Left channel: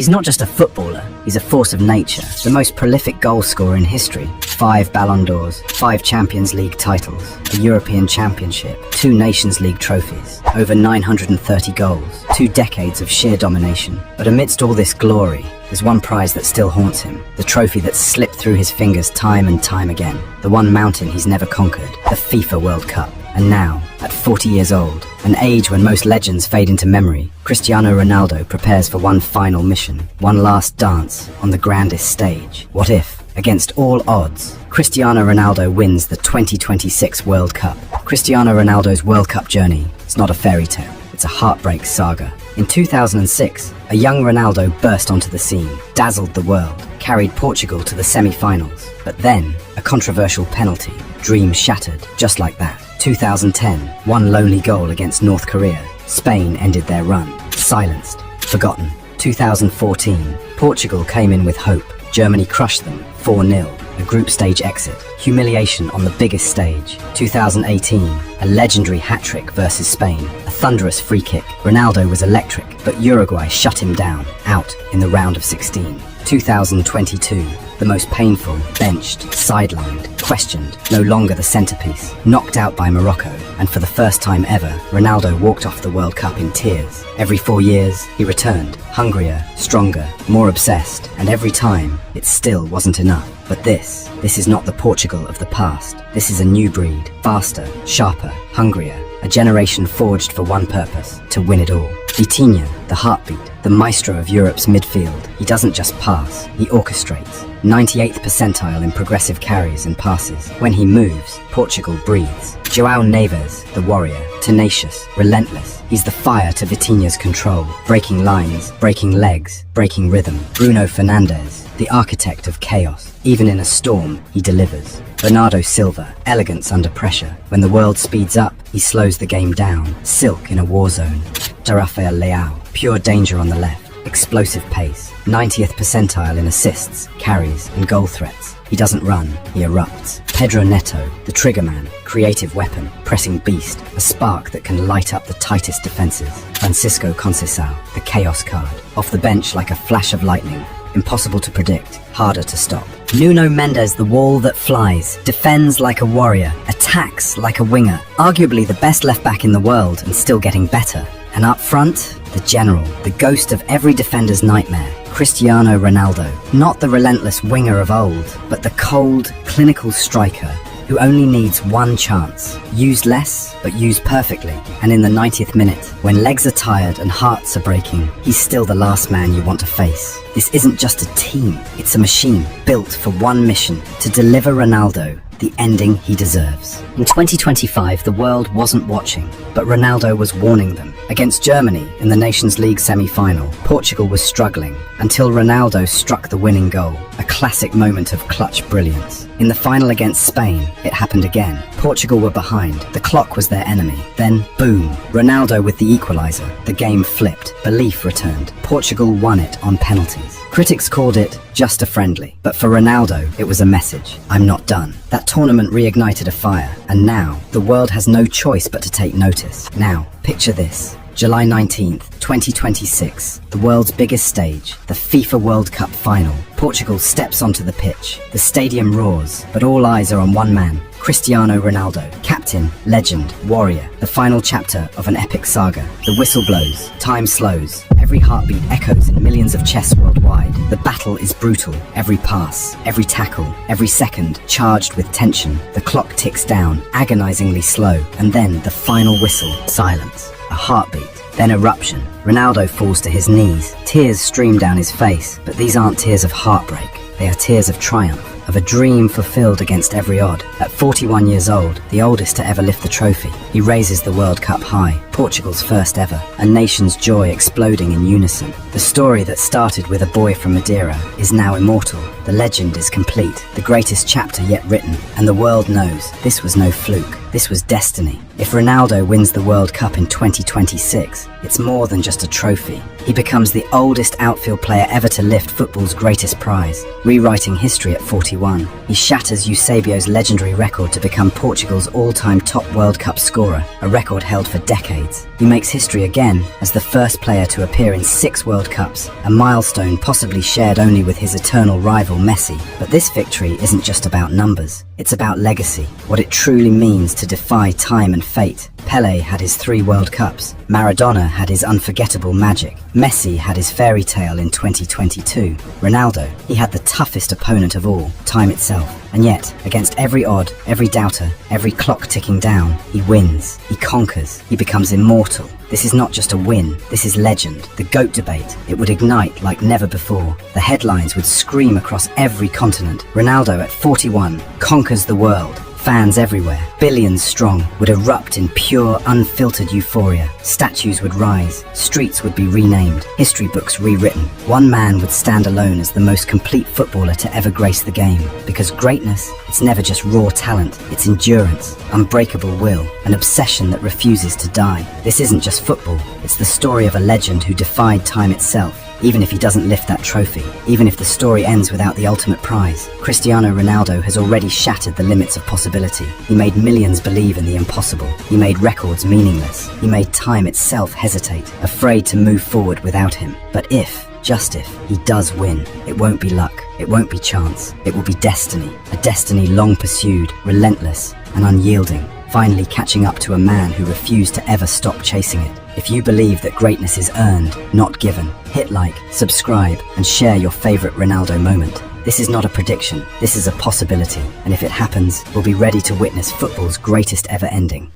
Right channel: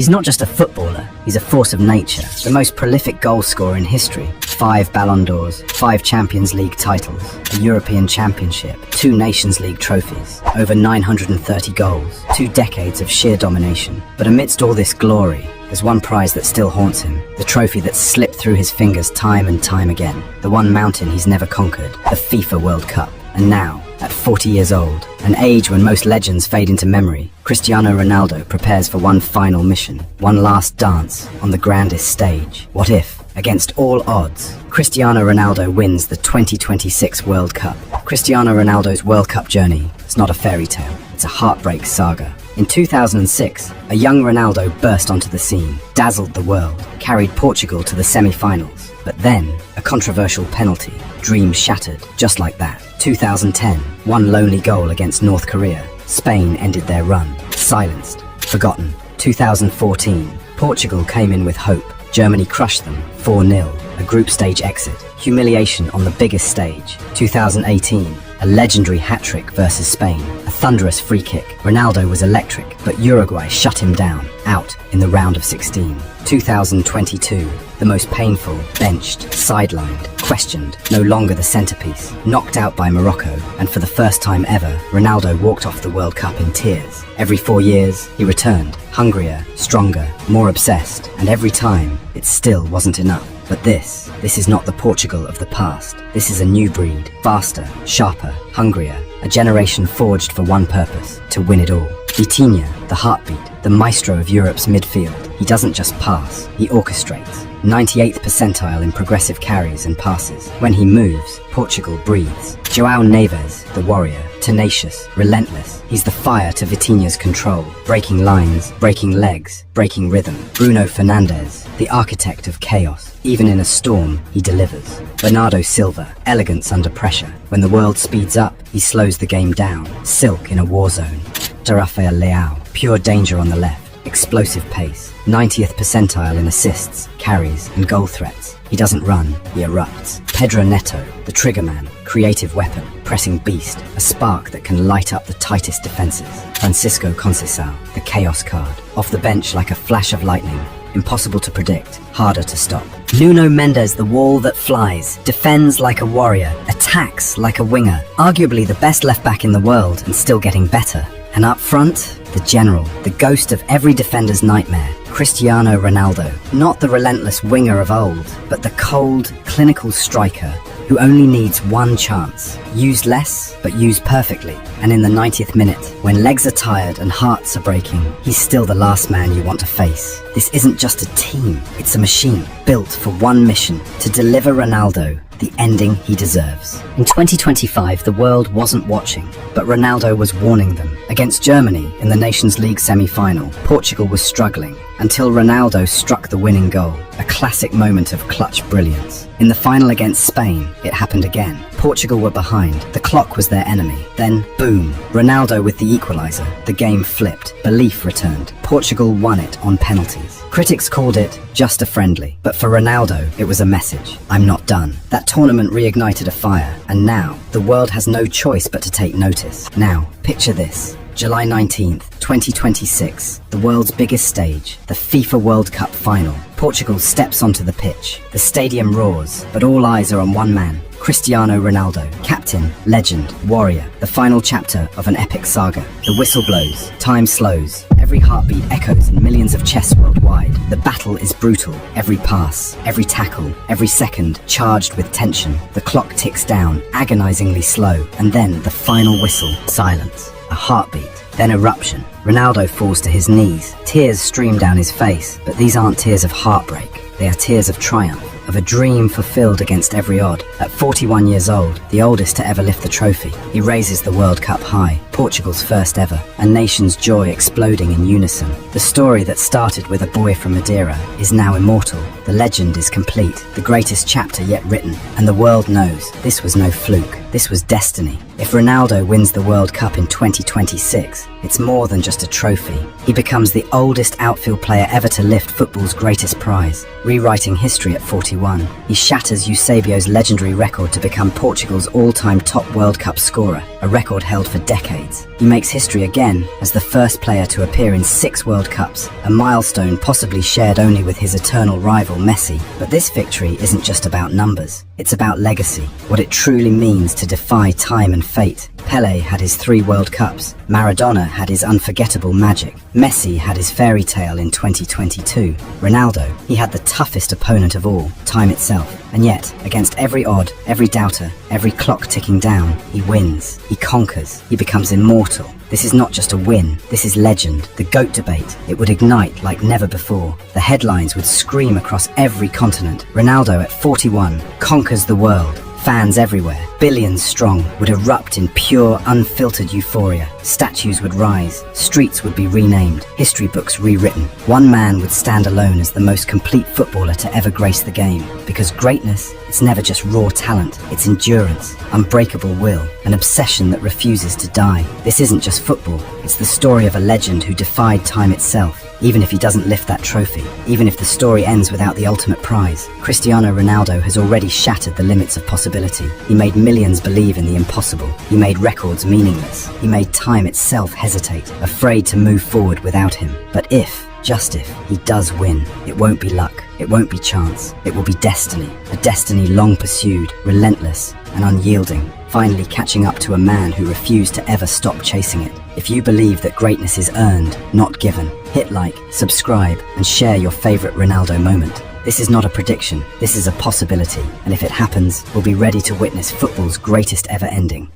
He's not just a footballer, he's a force of nature, the most prolific goal scorer in history. 5 Ballon d'Ors, 5 Champions League titles, a European Championship, 2 Nations League trophies, over 930 goals, 2 decades of sheer domination. But amidst all this glory, there's one prize that still haunts him, the trophy that's slipped through his fingers time and time again, the one mountain he's never conquered, the FIFA World Cup. And now, at 40 years old, an age when most legends fade into memory, Cristiano Ronaldo prepares for one final mission, one last dance on the grandest stage. What if, against all odds, Cristiano Ronaldo wins the 2026 World Cup? Cristiano Ronaldo's World Cup journey is not a fairy tale, it's a heartbreak saga. In 2006, a young Ronaldo burst onto the scene, dazzled the world, carried Portugal to the semi-finals. But then, a controversial penalty, dreams shattered, just like that. 2010, one lonely goal against North Korea. Spain ended their run, silenced, forgotten. 2014, Portugal came in with hope. Germany crushed them, 4-0, a group stage exit. Humiliation on the biggest stage. 2018, a legendary hat-trick versus Spain. A thunderous free kick. Ronaldo was electric, but Uruguay shut him down, out in the round of 16. 2022, the most painful, benched, sidelined, questioned, no longer the centerpiece, knocked out by Morocco, and for the first time ever, Ronaldo walked off the World Cup in tears. Every 4 years, he returned, hungrier, stronger, more obsessed, and every time, it still wasn't enough. But this is not the Portugal of the past. This is a new breed, faster, sharper, hungrier, a generation forged for one purpose, to win it all. Vitinha, the heartbeat, the maestro of Europe's midfield. He doesn't just pass, he orchestrates. 98th percentile in progressive carries and passes. When he moves, Portugal breathes. João Neves, the warrior, tenacious, relentless. He's the fire to Vitinha's control, breaking lines, breaking legs, breaking rhythm. Bruno Fernandes, the architect of chaos. Even in a storm, he delivers. Bernardo Silva, elegance under pressure. When the world speeds up, he slows the game down. Silk in a war zone. Rafael Leao, pure danger on the left. Explosive pace, 90th percentile in assists, carries, and goal threats. He doesn't run, he erupts. Pedro Neto, the triggerman, creative weapon, pressing beast, a spark that can light up the tightest defenses. Francisco Conceição, the chaos card, off the bench like a flash of lightning, impossible to predict, harder to stop. Nuno Mendes, the wall that flies, defends like a warrior, attacks like a winger, arguably the best left-back in the world and still getting better. And up front, the general, the ghost of every defender's nightmare, Cristiano Ronaldo. Not the relentless winger of old, but the cold, clinical striker who only needs one chance. Used less, but used perfectly. And in the 90th minute, when legs are tired and hearts are breaking, he's still the last man you want to face. This isn't just a team, it's a machine built for one mission, to deliver Ronaldo the ending he deserves. In 2025, the world wasn't watching, but Ronaldo was warning them. Against Germany in the Nations League semi-final, Portugal was struggling until Ronaldo struck the winning goal, a classic moment of clutch brilliance. In the final against Spain, it happened again. Portugal were behind, the clock was their enemy. Then, boom, Ronaldo with the equalizer. The game flipped, belief returned. Portugal won it on penalties. Critics called it just a friendly, but for Ronaldo, it was a message. I'm not done. That tournament reignited a fire, and now, the world has no choice but to take notice. Now, picture this. July 19th, 2026, the world's biggest stage, the FIFA World Cup final. Portugal steps onto the pitch. The stadium roars, but all eyes are on one man, Cristiano Ronaldo, captain, legend, warrior, the final chapter of an epic saga. The whistle blows, time slows, every heartbeat echoes in millions of chests worldwide. The battle is brutal, every pass, every tackle, every second charged with tension. The clock ticks down, agonizingly slow, and then the final whistle, silence, a heartbeat. Then eruption. Ronaldo falls to his knees. Tears stream down his face, but these aren't tears of heartbreak. They are tears of triumph, of a dream fulfilled against every odd. At 41 years old, the oldest to ever lift the trophy, he raises the World Cup high, Portugal's first ever, a nation's joy exploding in unison. The story that started with a boy from Madeira is now immortal. The legend is complete, the greatest chapter yet written, and the world knows this was no fluke. This was destiny. If Ronaldo wins the World Cup in 2026, it's more than just a trophy. He becomes the oldest outfield player ever to lift football's greatest prize, rewriting history at 41. He shatters Eusébio's legendary record to become Portugal's all-time top World Cup scorer, a record held for decades. decades. He makes history again as the first player to appear in 6 World Cups, a milestone possibly shared only with his eternal rival Messi. But this victory isn't just about numbers. It's about legacy, what it truly means to defy time and fate. Pelé had his 3 World Cups. Maradona had his unforgettable magic. Messi had his fairy tale in 2022. Ronaldo, he had the toughest opponent of all, time itself. And yet, against every odd, every doubter, every clock ticking down, he wins, he conquers, he becomes immortal. This is not just a win, this is legend. The GOAT debate, it would ignite like never before. The headlines would scream across every continent. Ronaldo at 41 conquers the world. Fans everywhere, billions strong, would erupt in pure, unfiltered euphoria. Statues would rise, streets would be renamed, history books rewritten. One man would stand alone as the most complete footballer to ever grace the game. Because greatness, it's never just raw talent, it's endurance, unbreakable will, an obsession that refuses to die. This isn't just football, it's the story of a legend who defied time itself. Even if he doesn't lift that trophy, even if the story ends without the ultimate prize, Cristiano Ronaldo has already shattered the limits of possibility. He made millions believe in the impossible. He made records meaningless. He made time itself hesitate, afraid to move forward without him. But if, just if, he does win, it won't be luck, it won't be chance, it will be destiny. A destiny long pursued, relentless, and unyielding. Finally catching up to a man who refused to ever stop chasing it. If you believe that greatness is earned, not given, hit like, subscribe, and share your favorite Ronaldo moment. This is not a prediction, this is a possibility, and if it happens, we'll be ready to witness football's greatest ever ending.